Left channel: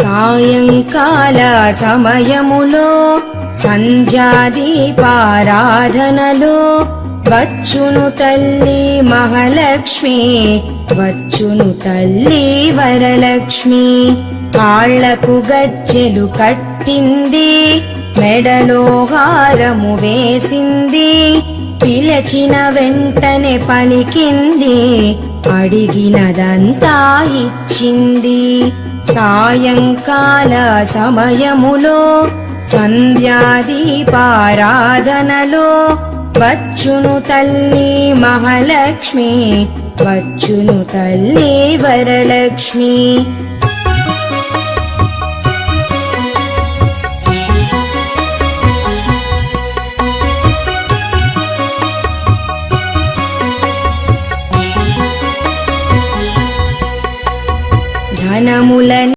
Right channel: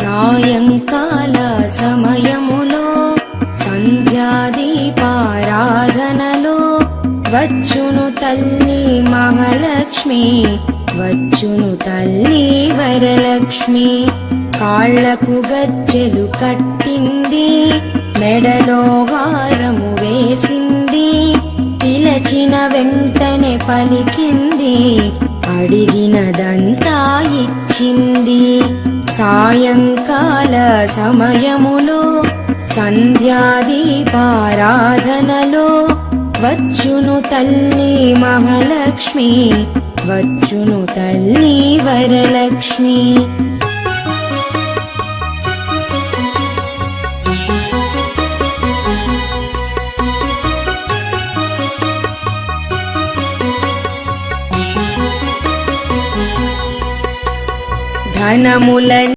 సాయంకాల సమయములో సంధ్యాదీపారాధనలో వచ్చును తల్లి మహాలక్ష్మి, వచ్చును తల్లి వరలక్ష్మి. కాళ్లకు గజ్జెలు కట్టింది, మెడలో హారము వేసింది, పిలచిన వెంటనే పలికింది, అడిగినదంతా ఇచ్చింది. సాయంకాల సమయములో సంధ్యాదీపారాధనలో వచ్చును తల్లి మహాలక్ష్మి, వచ్చును తల్లి వరలక్ష్మి.